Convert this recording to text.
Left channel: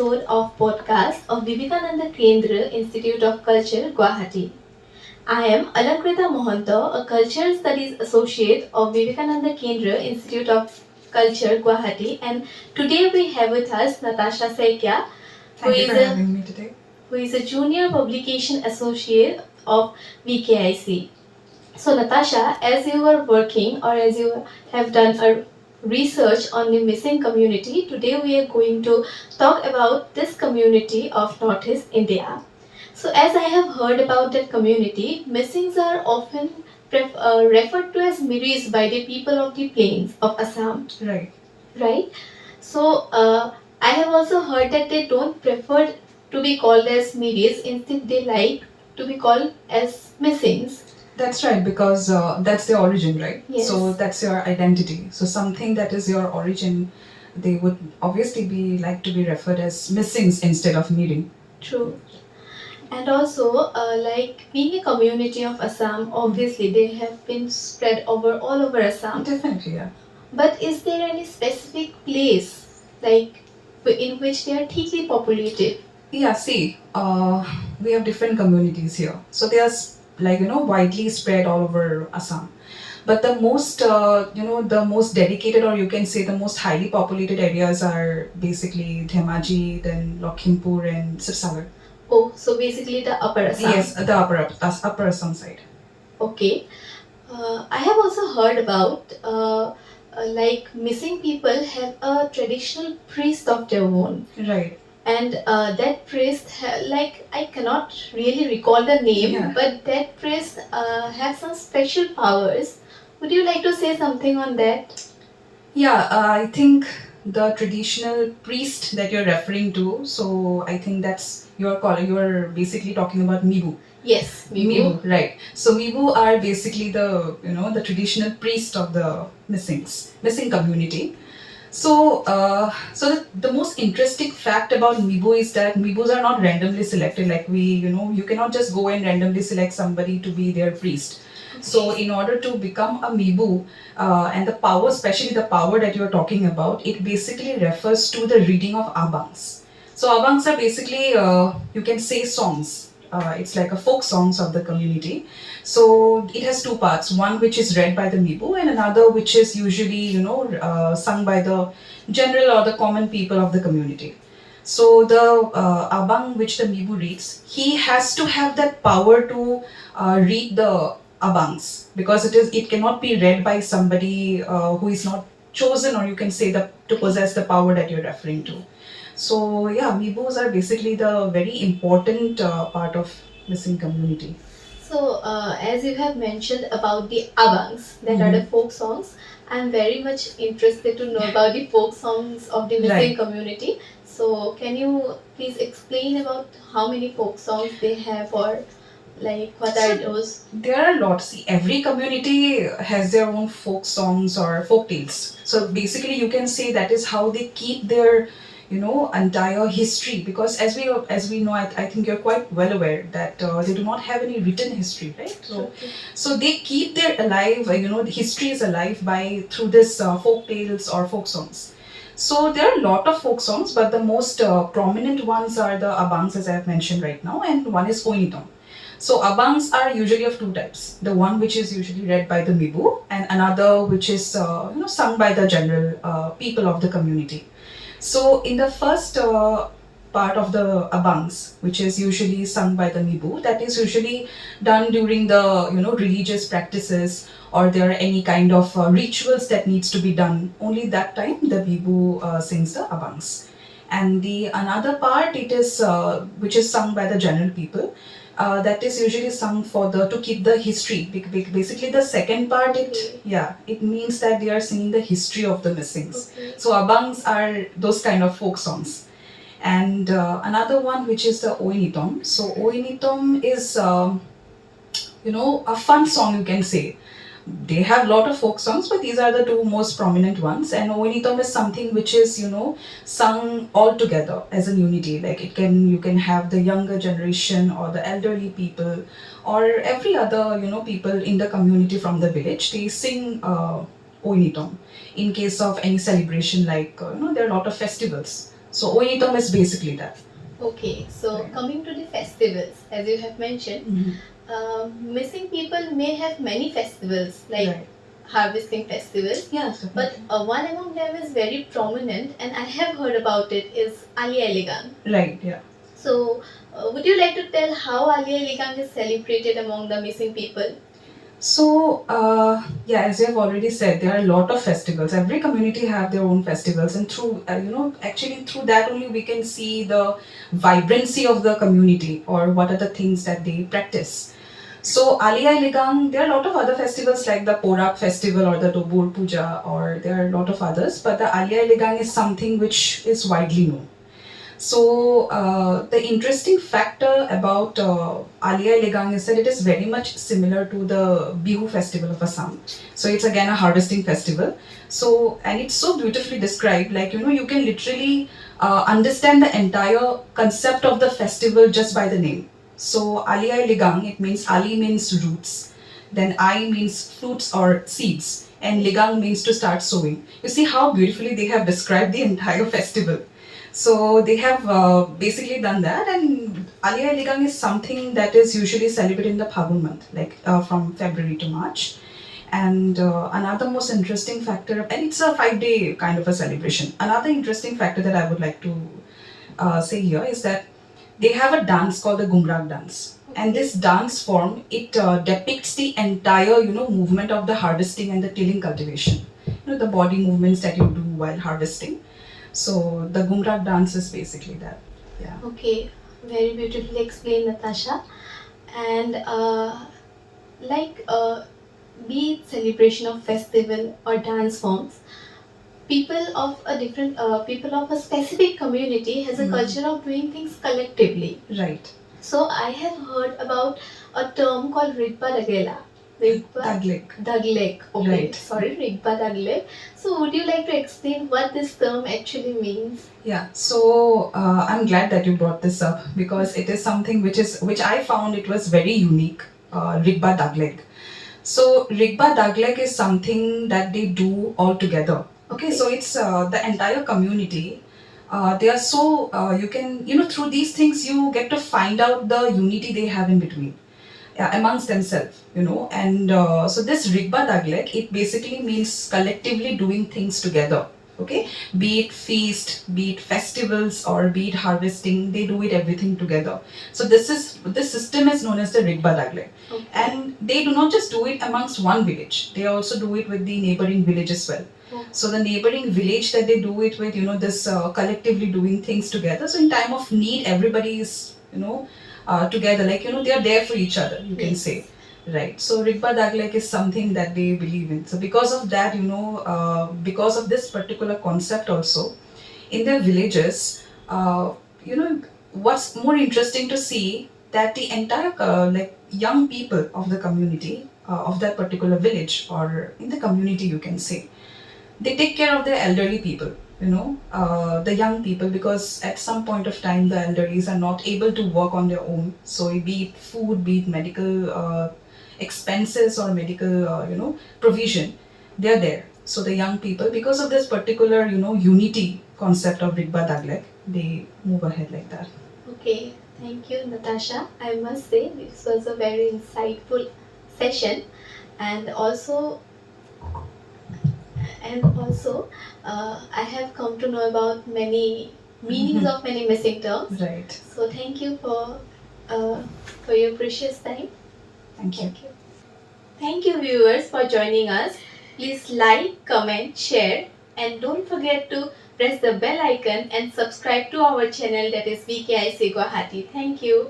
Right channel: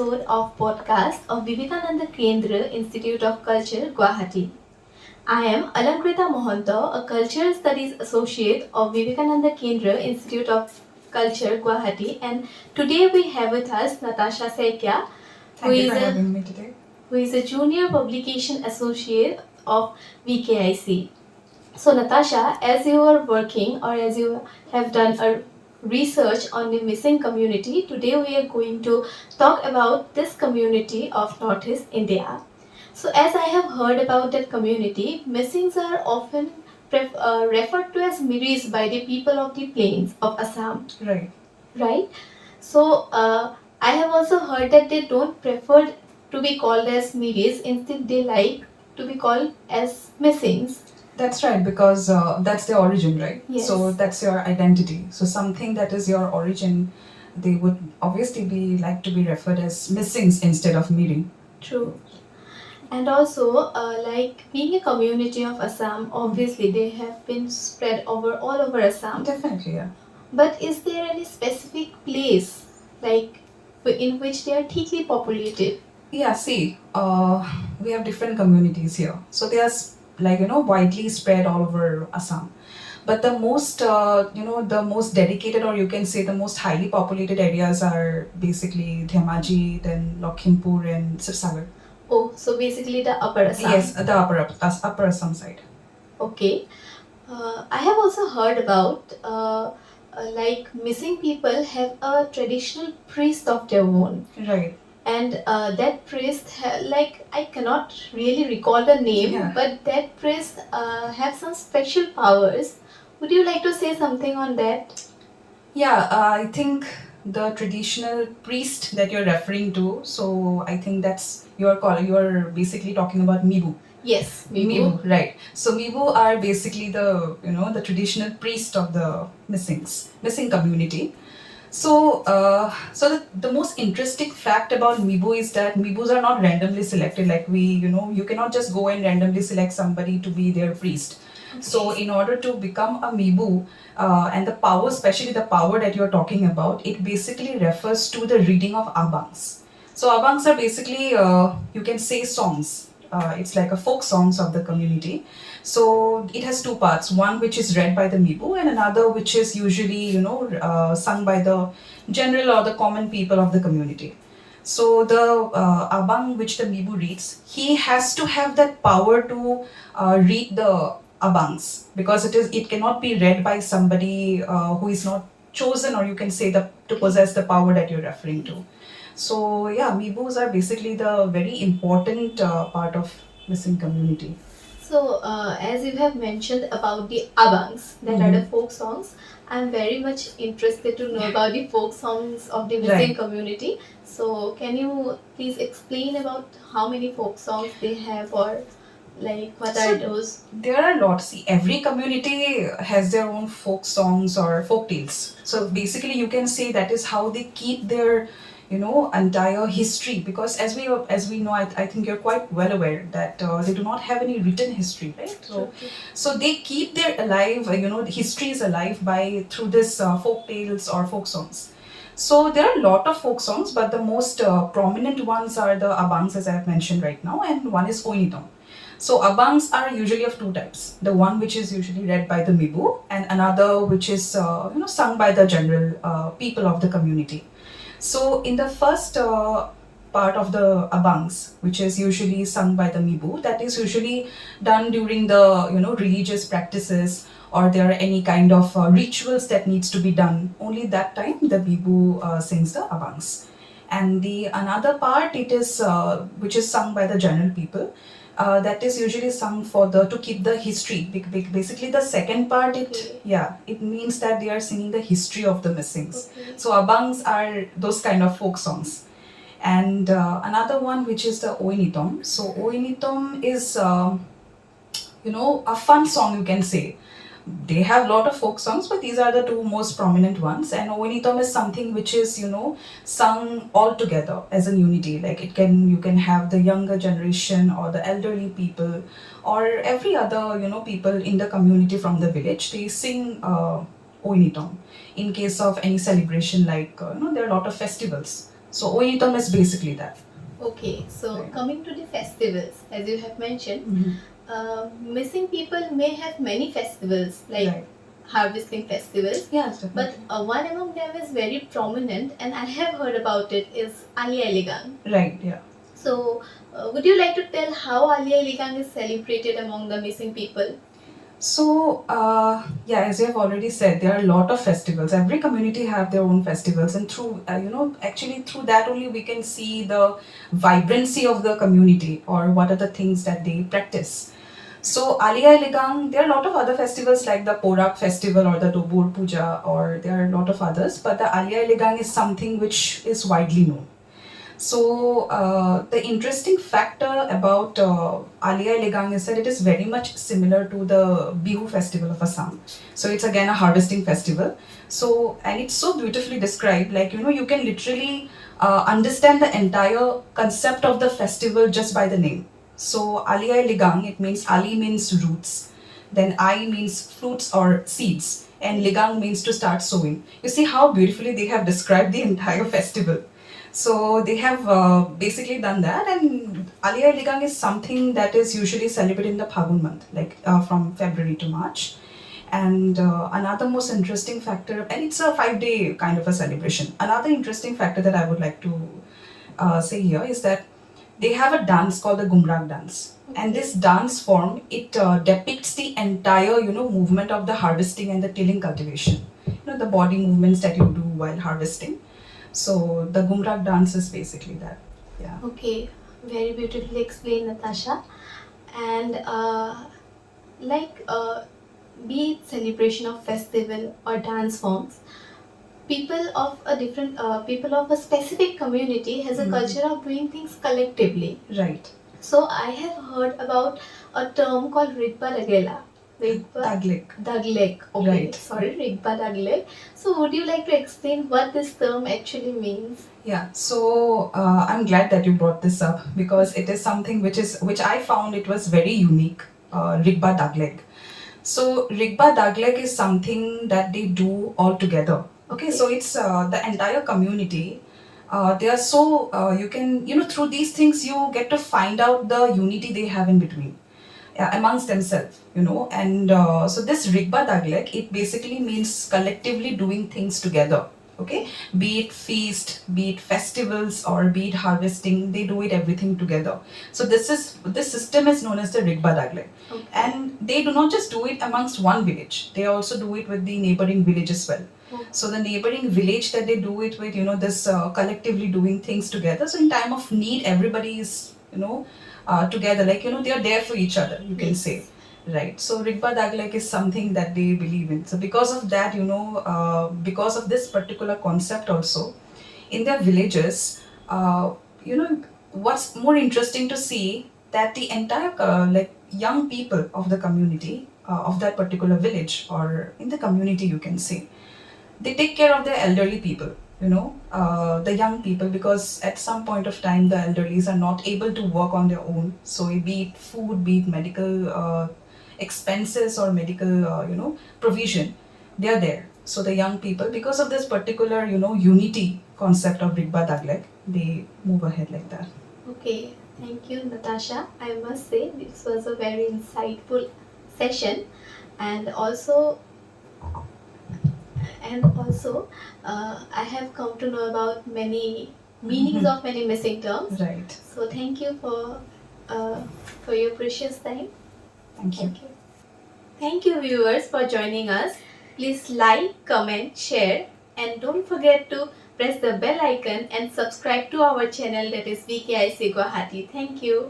episode of podcast of Vivekananda Kendra Institute of Culture, Guwahati. I am Alankrita Mohanto, a Cultural Studies Associate of Vivekananda Kendra Institute of Culture, Guwahati, and today we have with us Natasha Saikia, who is a Junior Publication Associate of VKIC. So Natasha, as you are working or as you have done a research on the missing community, today we are going to talk about this community of Northeast India. So as I have heard about that community, missings are often referred to as Miris by the people of the plains of Assam. Right? So I have also heard that they don't prefer to be called as Miris, instead they like to be called as missings. That's right, because that's their origin, right? Yes. So that's your identity. So something that is your origin, they would obviously be like to be referred as missings instead of meeting. True. And also, like being a community of Assam, obviously they have been spread all over Assam. Definitely, yeah. But is there any specific place, like in which they are thickly populated? Yeah, see, we have different communities here. So they are widely spread all over Assam. But the most, the most dedicated, or you can say the most highly populated areas are basically Dhemaji, then Lakhimpur and Sirsagar. Oh, so basically the upper Assam. Yes, the upper Assam side. Okay. I have also heard about like missing people have a traditional priest of their own. Right. And that priest, like I cannot really recall the name, Yeah. but that priest have some special powers. Would you like to say something on that? Yeah, I think the traditional priest that you're referring to, so I think that's you're basically talking about Mibu. Yes, Mibu, right. So Mibu are basically the traditional priest of the missing community. So the most interesting fact about Mibu is that Mibus are not randomly selected. Like you cannot just go and randomly select somebody to be their priest. So in order to become a Mibu, and the power, especially the power that you're talking about, it basically refers to the reading of abangs. So abangs are basically, you can say, songs. It's like a folk songs of the community. So it has two parts. One which is read by the Mibu, and another which is usually sung by the general or the common people of the community. So the abang which the Mibu reads, he has to have that power to read the abangs, because it cannot be read by somebody who is not chosen, or you can say to possess the power that you're referring to. So yeah, Mibus are basically the very important part of missing community. So, as you have mentioned about the abangs, that are the folk songs, I am very much interested to know about the folk songs of the missing Right. community. So, can you please explain about how many folk songs they have, or like what are those? There are lots. See, every community has their own folk songs or folk tales. So basically, you can say that is how they keep their, entire history. Because as we know, I think you're quite well aware that they do not have any written history, right? So they keep their alive. The history is alive through this folk tales or folk songs. So there are a lot of folk songs, but the most prominent ones are the abangs, as I have mentioned right now, and one is Oinitom. So abangs are usually of two types. The one which is usually read by the Mibu, and another which is sung by the general people of the community. So in the first part of the abangs, which is usually sung by the Mibu, that is usually done during the religious practices, or there are any kind of rituals that needs to be done. Only that time the Mibu sings the abangs. And the another part, it is which is sung by the general people. That is usually sung to keep the history. Basically, the second part, it means that they are singing the history of the missings. Okay. So abangs are those kind of folk songs. And another one which is the Oinitom. So Oinitom is a fun song, you can say. They have a lot of folk songs, but these are the two most prominent ones. And Oinitom is something which is, sung all together as a unity. Like you can have the younger generation or the elderly people or every other, people in the community from the village. They sing Oinitom in case of any celebration, like, there are a lot of festivals. So Oyitam is basically that. Okay, so Right. coming to the festivals, as you have mentioned, missing people may have many festivals like Right. harvesting festivals, Yes, but definitely. one among them is very prominent, and I have heard about it is Ali Aligang. Right, yeah. So, would you like to tell how Ali Aligang is celebrated among the missing people? So, yeah, as you have already said, there are a lot of festivals. Every community have their own festivals, and through, actually through that only we can see the vibrancy of the community or what are the things that they practice. So, Aliyah Ligang, there are a lot of other festivals like the Porak festival or the Dobur Puja, or there are a lot of others, but the Aliyah Ligang is something which is widely known. So the interesting factor about Alia Legang is that it is very much similar to the Bihu festival of Assam. So it's again a harvesting festival. So and it's so beautifully described. Like you can literally understand the entire concept of the festival just by the name. So Alia Legang, it means Ali means roots, then I means fruits or seeds, and Ligang means to start sowing. You see how beautifully they have described the entire festival. So they have basically done that, and Aliyah Ligang is something that is usually celebrated in the Phagun month, like from February to March. And another most interesting factor, and it's a 5 day kind of a celebration. Another interesting factor that I would like to say here is that they have a dance called the Gumrag dance. And this dance form, it depicts the entire, movement of the harvesting and the tilling cultivation. The body movements that you do while harvesting. So the Gumrag dance is basically that. Yeah. Okay, very beautifully explained, Natasha. And like be it celebration of festival or dance forms, people of a specific community has a culture of doing things collectively. Right. So I have heard about a term called Rigpa Dagela. Daglik. Daglek. Okay, Right. sorry, Rigpa Daglek. So would you like to explain what this term actually means? Yeah, so I'm glad that you brought this up because it is something which I found it was very unique. Rigba Dagleg. So Rigba Dagleg is something that they do all together. Okay, so it's the entire community. They are so you can through these things you get to find out the unity they have in between amongst themselves, and so this Rigba Daglek, it basically means collectively doing things together. Okay, be it feast, be it festivals, or be it harvesting, they do it everything together. So this system is known as the Rigba Daglek. Okay. And they do not just do it amongst one village, they also do it with the neighboring village as well. Okay. So the neighboring village that they do it with, this collectively doing things together. So in time of need, everybody is, together, like they are there for each other, you can say, right? So Rigpa Daglek is something that they believe in. So because of that, because of this particular concept also, in their villages, what's more interesting to see that the entire like young people of the community of that particular village or in the community, you can say, they take care of their elderly people, the young people, because at some point of time the elderlies are not able to work on their own. So be it food, be it medical expenses or medical provision, they are there. So the young people, because of this particular unity concept of Rigba Daglek, they move ahead like that. Okay, thank you, Natasha. I must say this was a very insightful session, and also I have come to know about many meanings of many missing terms. Right. So thank you for your precious time. Thank you. Thank you, viewers, for joining us. Please like, comment, share, and don't forget to press the bell icon and subscribe to our channel, that is VKIC Guwahati. Thank you.